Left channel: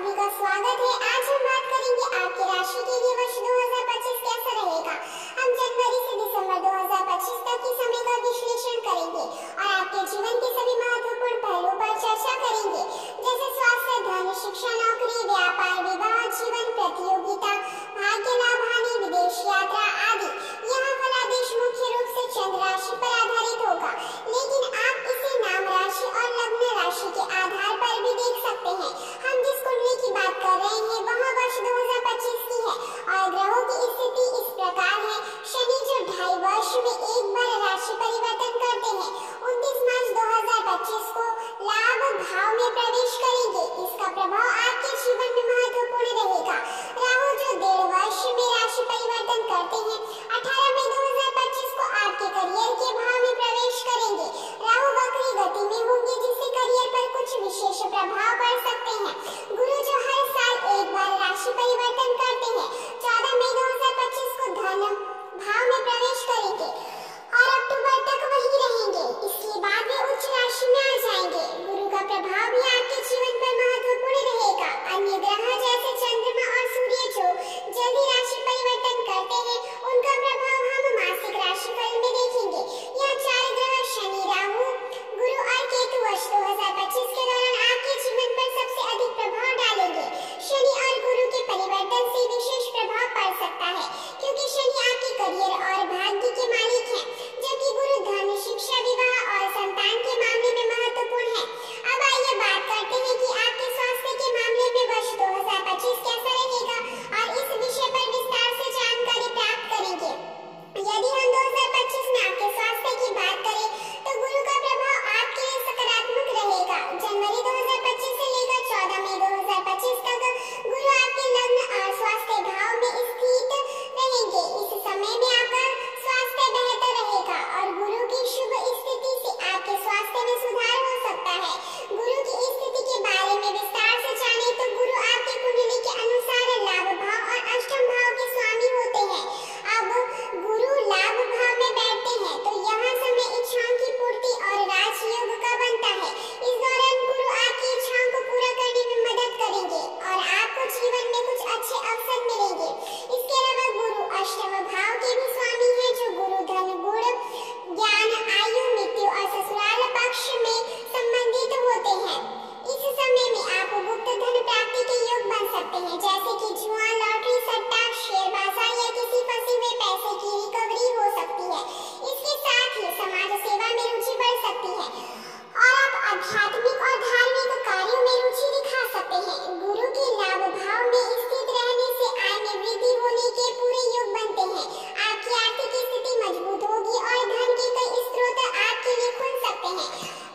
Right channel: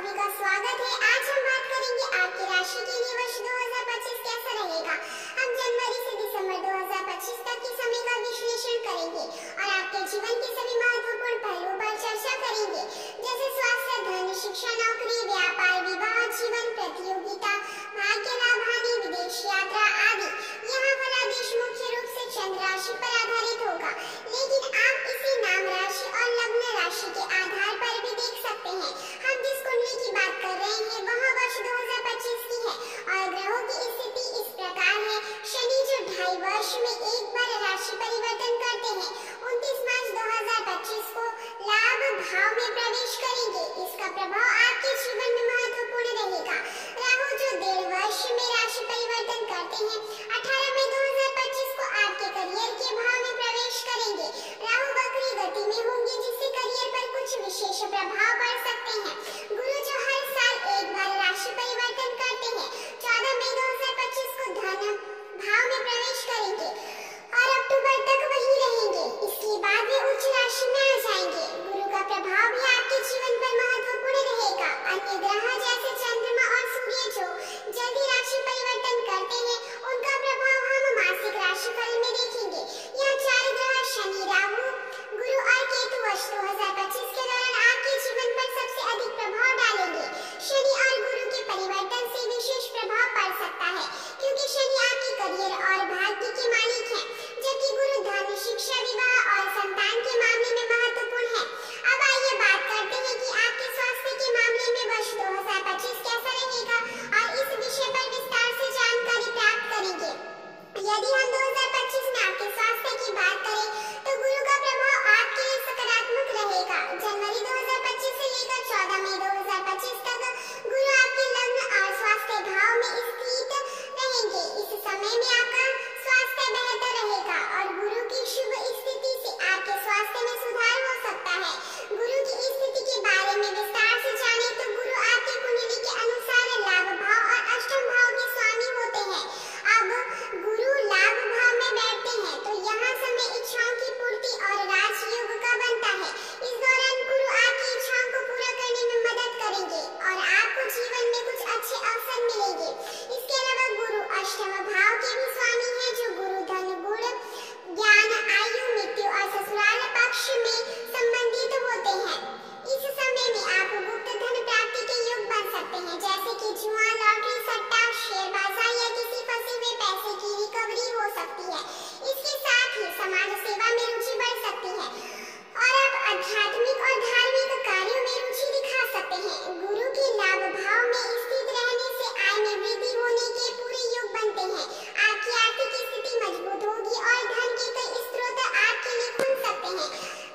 सभी का स्वागत है। आज हम बात करेंगे आपकी राशि के लिए वर्ष 2025 कैसा रहेगा। हम जनवरी से दिसंबर 2025 तक के समय का विश्लेषण करेंगे और आपके जीवन के सभी महत्वपूर्ण पहलुओं पर चर्चा करेंगे, जैसे स्वास्थ्य, धन, शिक्षा, नौकरी, व्यापार, विवाह, जीवन, प्रतियोगिता, भाग्य लाभ, हानि, विदेश यात्रा आदि। यहाँ फलादेश मुख्य रूप से चंद्र राशि पर आधारित होगा, लेकिन आप इसे नाम राशि और लग्न राशि के आधार पर भी देख सकते हैं। हम जिस कुंडली की बात कर रहे हैं वह वर्ष 2025 की है और ग्रहों की स्थिति इस प्रकार है। शनि जो 2.5 वर्ष में एक बार राशि परिवर्तन करते हैं, 29 मार्च 2025 को लाभ भाव में प्रवेश करेंगे। इसका प्रभाव आपके जीवन में महत्वपूर्ण रहेगा। राहु जो 1.5 वर्ष में राशि परिवर्तन करते हैं, 18 मई 2025 को आपके करियर के भाव में प्रवेश करेंगे। राहु वक्री गति में होंगे, जिससे करियर पर कुछ विशेष प्रभाव पड़ सकते हैं। गुरु जो हर साल एक बार राशि परिवर्तन करते हैं, 14 मई 2025 को धन भाव में प्रवेश करेंगे और अक्टूबर तक वही रहेंगे। इसके बाद वे उच्च राशि में आ जाएंगे। गुरु का प्रभाव भी आपके जीवन पर महत्वपूर्ण रहेगा। अन्य ग्रह जैसे चंद्रमा और सूर्य जो जल्दी राशि परिवर्तन करते हैं, उनका प्रभाव हम मासिक राशिफल में देखेंगे। यह 4 ग्रह शनि, राहु, गुरु और केतु वर्ष 2025 के दौरान आपके जीवन पर सबसे अधिक प्रभाव डालेंगे। शनि और गुरु के परिवर्तन से विशेष प्रभाव पड़ सकता है, क्योंकि शनि आपके करियर और भाग्य के मालिक हैं, जबकि गुरु धन, शिक्षा, विवाह और संतान के मामले में महत्वपूर्ण है। अब आइए बात करते हैं कि आपके स्वास्थ्य के मामले में वर्ष 2025 कैसा रहेगा और इस विषय पर विस्तार से जानकारी प्राप्त करेंगे। यदि हम 2025 में आपके स्वास्थ्य की बात करें तो गुरु का प्रभाव आपके लिए सकारात्मक रहेगा। जनवरी 2025 से लेकर 14 मई 2025 तक गुरु आपके लग्न और स्वास्थ्य भाव में स्थित रहेंगे। इस समय में आपका स्वास्थ्य बेहतर रहेगा और गुरु की शुभ स्थिति से आपके स्वास्थ्य में सुधार हो सकता है। गुरु की स्थिति के बारे में विस्तार से जाने तो गुरु आपके कुंडली के अनुसार लाभ भाव और अष्टम भाव के स्वामी होते हैं। अब गुरु लाभ भाव में बैठते हैं तो यहाँ समय इच्छाओं की पूर्ति और राजयोग का बनता है। इस दौरान गुरु आपकी इच्छाओं को पूरा करने में मदद करेंगे और आपको जीवन में कुछ अच्छे अवसर मिलेंगे। इसके अलावा गुरु अष्टम भाव के भी स्वामी हैं, जो गुरु धन, गुण, ज्ञान, आयु, मृत्यु और ससुराल पक्ष में संबंधित होते हैं। इस समय में आप गुप्त धन प्राप्ति के योग बन सकते हैं, जैसे कि जुआ, लॉटरी, सट्टा, शेयर बाजार या किसी फंसे हुए पैसे की रिकवरी हो सकती है। इसके साथ ही समाज सेवा में रुचि बढ़ सकती है और आप आध्यात्मिक और धार्मिक कार्यों में रुचि दिखा सकते हैं। गुरु के लाभ भाव में स्थित रहने से आय में वृद्धि होने के पूरे योग बनते हैं। आपकी आर्थिक स्थिति मजबूत होगी और धन के कई स्रोत आपके लिए खुल सकते हैं।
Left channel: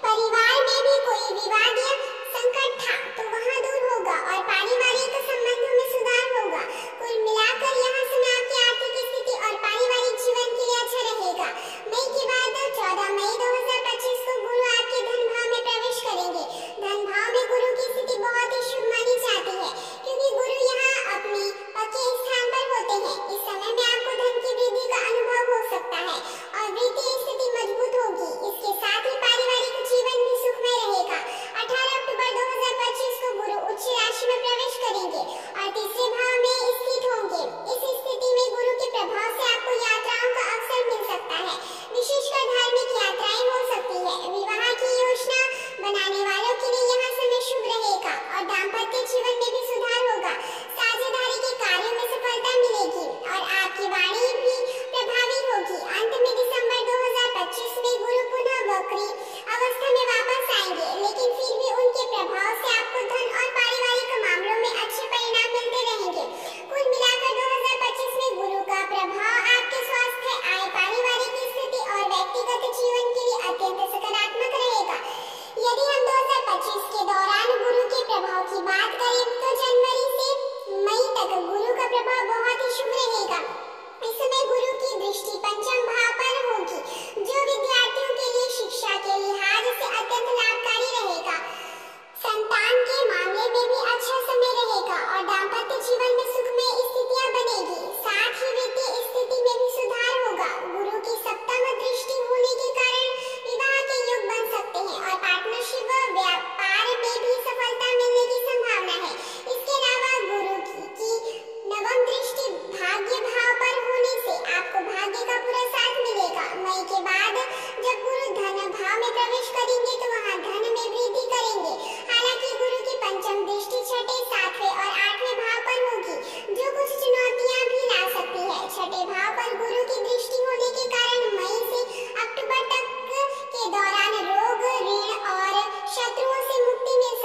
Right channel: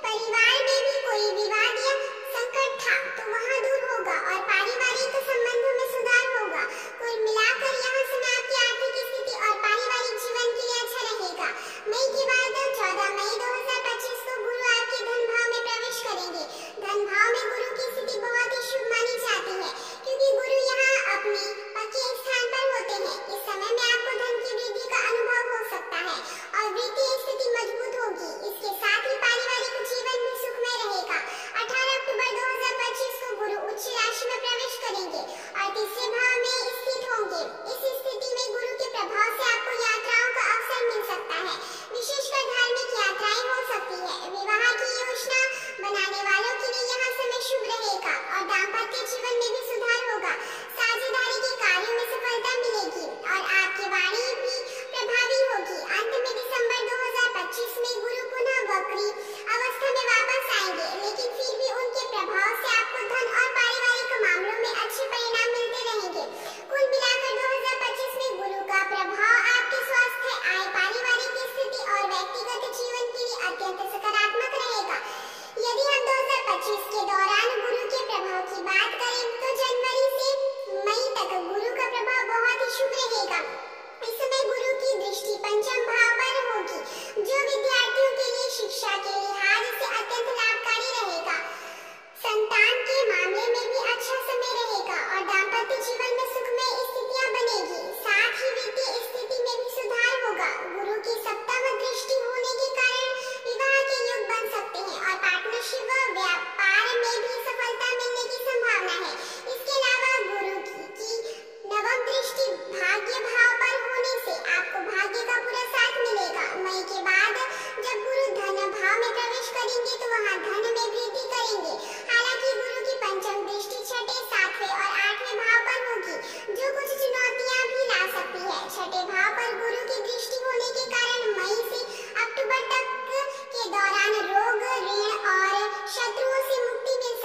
परिवार में भी कोई विवाद या संकट था तो वहाँ दूर होगा और पारिवारिक संबंधों में सुधार होगा। कुल मिलाकर यहाँ समय आपकी आर्थिक स्थिति और पारिवारिक जीवन के लिए अच्छा रहेगा। मई के बाद 14 मई 2025 को गुरु आपके धन भाव में प्रवेश करेंगे। धन भाव में गुरु की स्थिति बहुत ही शुभ मानी जाती है, क्योंकि गुरु यहाँ अपने पक्के स्थान पर होते हैं। इस समय में आपको धन की वृद्धि का अनुभव हो सकता है और वित्तीय स्थिति मजबूत होगी। इसके साथ ही पारिवारिक जीवन भी सुखमय रहेगा। 18 अक्टूबर 2025 को गुरु उच्च राशि में प्रवेश करेंगे और तीसरे भाव में स्थित होंगे। इस स्थिति में गुरु के प्रभाव से आपको यात्राओं का अवसर मिल सकता है, विशेषकर धार्मिक यात्राएं हो सकती है। विवाह की योजना बनाने वालों के लिए यह समय शुभ रहेगा और दाम्पत्य जीवन में भी सुधार होगा। साझेदारी के कार्यों में सफलता मिलेगी और आपकी वाणी भी प्रभावी होगी। अंत में दिसंबर 2025 में गुरु पुनः वक्री अवस्था में वापस आएंगे, लेकिन फिर भी उनके प्रभाव से आपको धन और पारिवारिक मामलों में अच्छे परिणाम मिलते रहेंगे। कुल मिलाकर 2025 में गुरु का प्रभाव आपके स्वास्थ्य, आय, पारिवारिक स्थिति और व्यक्तिगत जीवन के लिए अत्यंत सकारात्मक रहेगा। यदि हम 2025 के दौरान गुरु के प्रभाव की बात करें तो जनवरी से मई तक गुरु का प्रभाव बहुत ही शुभ रहेगा। इस समय गुरु की दृष्टि पंचम भाव पर होगी, जो विद्यार्थियों के लिए शिक्षा के लिहाज से अत्यंत लाभकारी रहेगा। संतान के मामले में भी अच्छा समय रहेगा और दाम्पत्य जीवन में सुखमय स्थितियां बनेगी। साथ ही वित्तीय स्थिति में भी सुधार होगा। गुरु की सप्तम दृष्टि होने के कारण विवाह के योग बन सकते हैं और पार्टनरशिप व व्यापार में भी सफलता मिलने की संभावना है। इस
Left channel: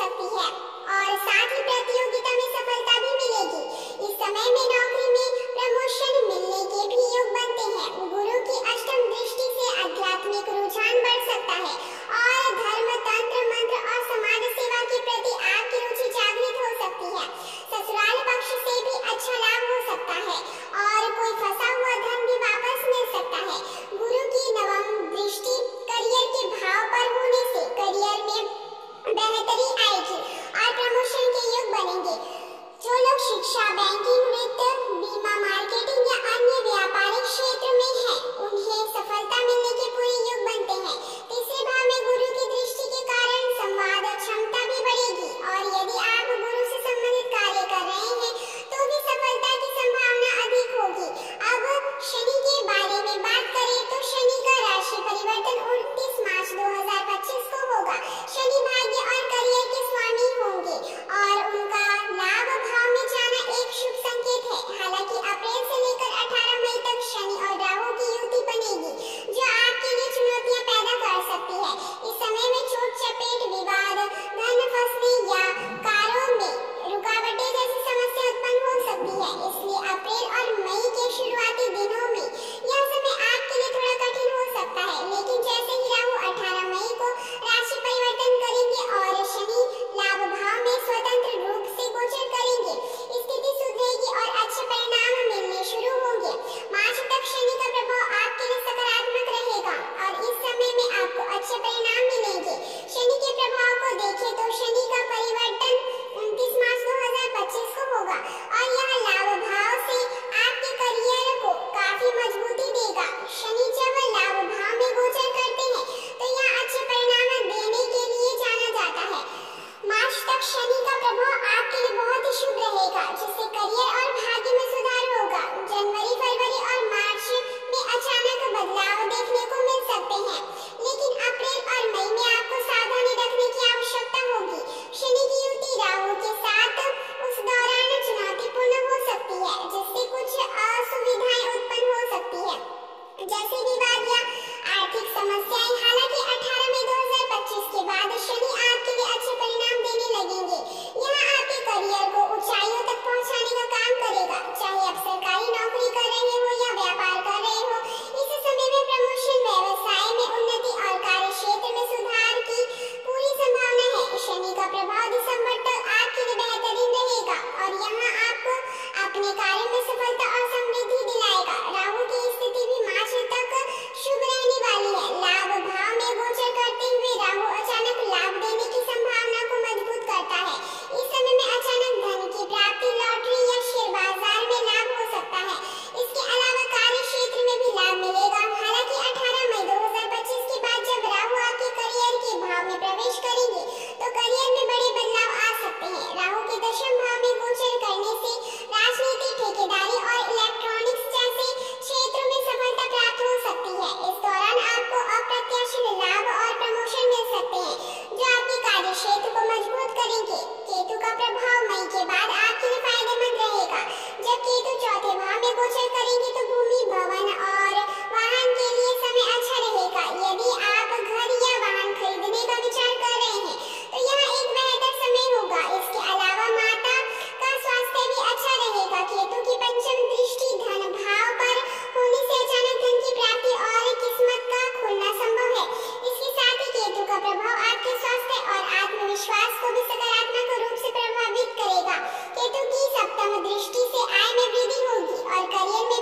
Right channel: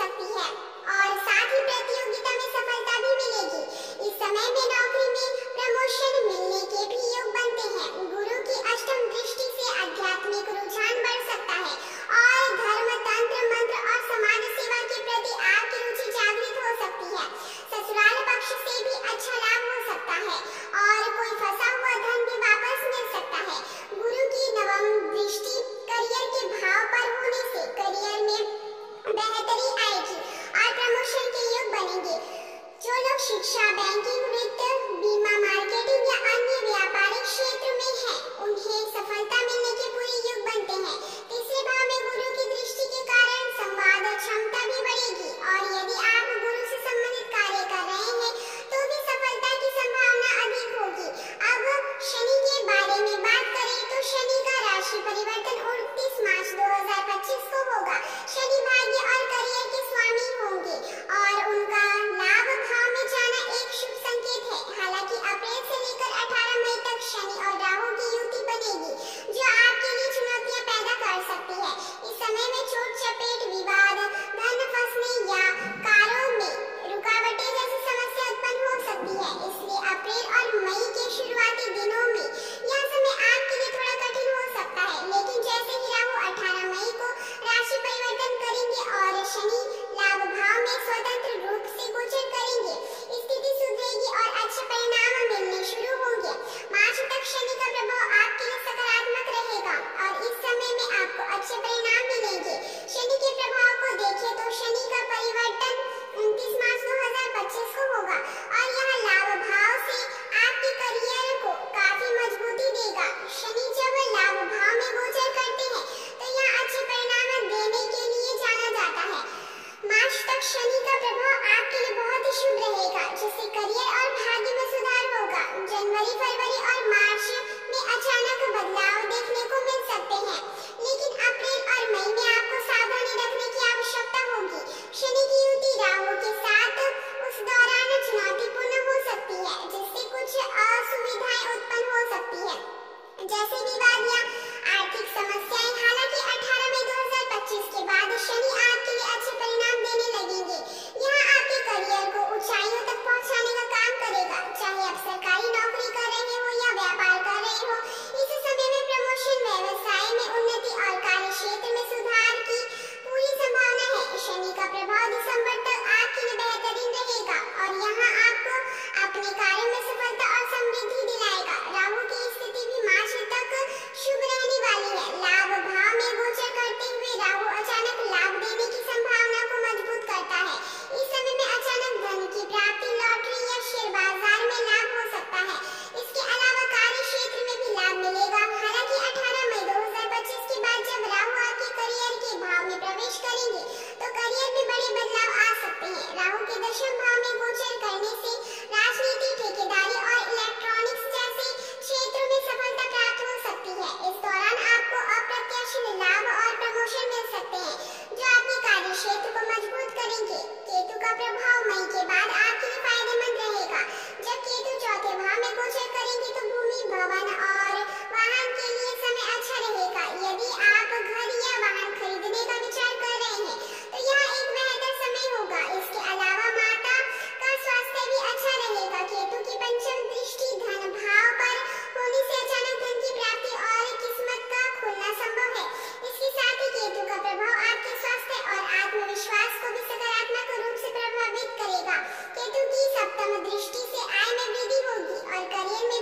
सकती है और साथ ही प्रतियोगिता में सफलता भी मिलेगी। इस समय में नौकरी में प्रमोशन मिलने के भी योग बनते हैं। गुरु की अष्टम दृष्टि से आध्यात्मिक रुझान बढ़ सकता है और धर्म, तंत्र, मंत्र और समाज सेवा के प्रति आपकी रुचि जागृत हो सकती है। ससुराल पक्ष से भी अच्छा लाभ हो सकता है और कोई फंसा हुआ धन भी वापस मिल सकता है। गुरु की नवम दृष्टि करियर के भाव पर होने से करियर में बेहतरी आएगी और प्रमोशन के योग बनेंगे। जो लोग शिक्षा, बैंकिंग, वित्त, बीमा, मार्केटिंग या अन्य व्यापारिक क्षेत्र में हैं, उन्हें सफलता मिलने के पूरे योग बनते हैं। तीसरे भाव में गुरु की दृष्टि के कारण संवाद क्षमता भी बढ़ेगी और यदि आप गुरु से संबंधित कार्य कर रहे हैं तो भी सफलता की संभावना अधिक होगी। अब शनि के बारे में बात करें तो शनि का राशि परिवर्तन 29 मार्च 2025 को होगा। शनि भाग्य और करियर के स्वामी होंगे और उनका लाभ भाव में जाना एक शुभ संकेत है। हालांकि अप्रैल से लेकर 18 मई तक शनि और राहु की युति बनेगी जो आपके लिए चुनौतियां पैदा कर सकती है। इस समय में चोट, चपेट, विवाद, धन फंसने या कार्यों में रुकावटें जैसी समस्या उत्पन्न हो सकती है। इसलिए अप्रैल और मई के शुरुआती दिनों में यह समय आपके लिए थोड़ा कठिन हो सकता है, लेकिन जैसे ही राहु 18 मई को राशि परिवर्तन करेंगे और शनि लाभ भाव में स्वतंत्र रूप से गोचर करेंगे, स्थिति सुधरेगी और अच्छे परिणाम मिलने शुरू होंगे। मार्च तक शनि का प्रभाव आपके लिए सकारात्मक रहेगा और इस समय में आपको अच्छे परिणाम मिलेंगे। शनि के प्रभाव को देखें तो शनि का परिवर्तन 29 मार्च 2025 को होगा और यह लाभ भाव से आपके करियर को काफी मजबूती देगा। शनि जब लाभ भाव में गोचर करते हैं तो यह अच्छे परिणाम देने के लिए जाना जाता है। मार्च तक शनि का प्रभाव आपके लिए बहुत ही शुभ रहेगा, जिससे करियर और भाग्य में सुधार होगा। जनवरी, फरवरी और मार्च में अचानक बदलाव देखने को मिल सकते हैं, लेकिन अप्रैल और मई में आपको सावधानी रखने की आवश्यकता होगी। शनि की युति राहु के साथ उस दौरान चुनौतीपूर्ण हो सकती है, जिससे कुछ असुविधाएं उत्पन्न हो सकती है, जैसे विवाद या आर्थिक समस्याएं। हालांकि 18 मई 2025 के बाद शनि आपके लिए अच्छे परिणाम देने लगेंगे। यह आपके करियर को ऊंचाइयों तक पहुंचाने का काम करेगा, चाहे आप सरकारी नौकरी कर रहे हो या व्यापार कर रहे हो। इस समय में प्रमोशन, व्यवसाय में उन्नति और कार्य क्षेत्र में सुधार की पूरी संभावना है। शनि का प्रभाव दिसंबर तक आपके लिए बेहतरीन रहेगा और यहाँ आपको अपने कार्य में सफलता और समृद्धि दिलाएगा। राहु की स्थिति भी मार्च तक शुभ रहने वाली है। लाभ भाव में गोचर करते हुए राहु अचानक लाभ देने की संभावना को मजबूत करता है। इस समय में अचानक धन की प्राप्ति, लॉटरी या शेयर बाजार में लाभ हो सकता है। इसके अलावा कार्य क्षेत्र में भी लाभ मिलेगा। हालांकि 18 मई 2025 के बाद जब राहु आपके करियर के भाव में प्रवेश करेंगे तो करियर में बड़े बदलाव आ सकते हैं। राहु के दशम भाव में गोचर करने से राजनीति, ठेकेदारी और इलेक्ट्रॉनिक्स जैसे क्षेत्रों में सफलता प्राप्त हो सकती है। इस दौरान आपको अप्रत्याशित लाभ और प्रमोशन मिल सकते हैं जो आपके कार्य क्षेत्र को मजबूत करेंगे। केतु का प्रभाव मई के बाद आपके लिए फायदेमंद रहेगा। जब केतु चौथे भाव में गोचर करेंगे तो भूमि, भवन और वाहन के लिए समय अच्छा रहेगा। यदि आप घर या वाहन खरीदने का विचार कर रहे हैं तो यह एक बेहतर समय होगा। इसके अलावा माता का स्वास्थ्य भी अच्छा रहेगा। केतु की पंचम दृष्टि धन भाव पर होने से अचानक धन की प्राप्ति और किस्मत का खुलना संभव है। इसके साथ ही केतु का प्रभाव आपके स्वास्थ्य और आत्मविश्वास को भी सकारात्मक रूप से प्रभावित करेगा। केतु की सप्तम दृष्टि से आय में वृद्धि होगी और करियर में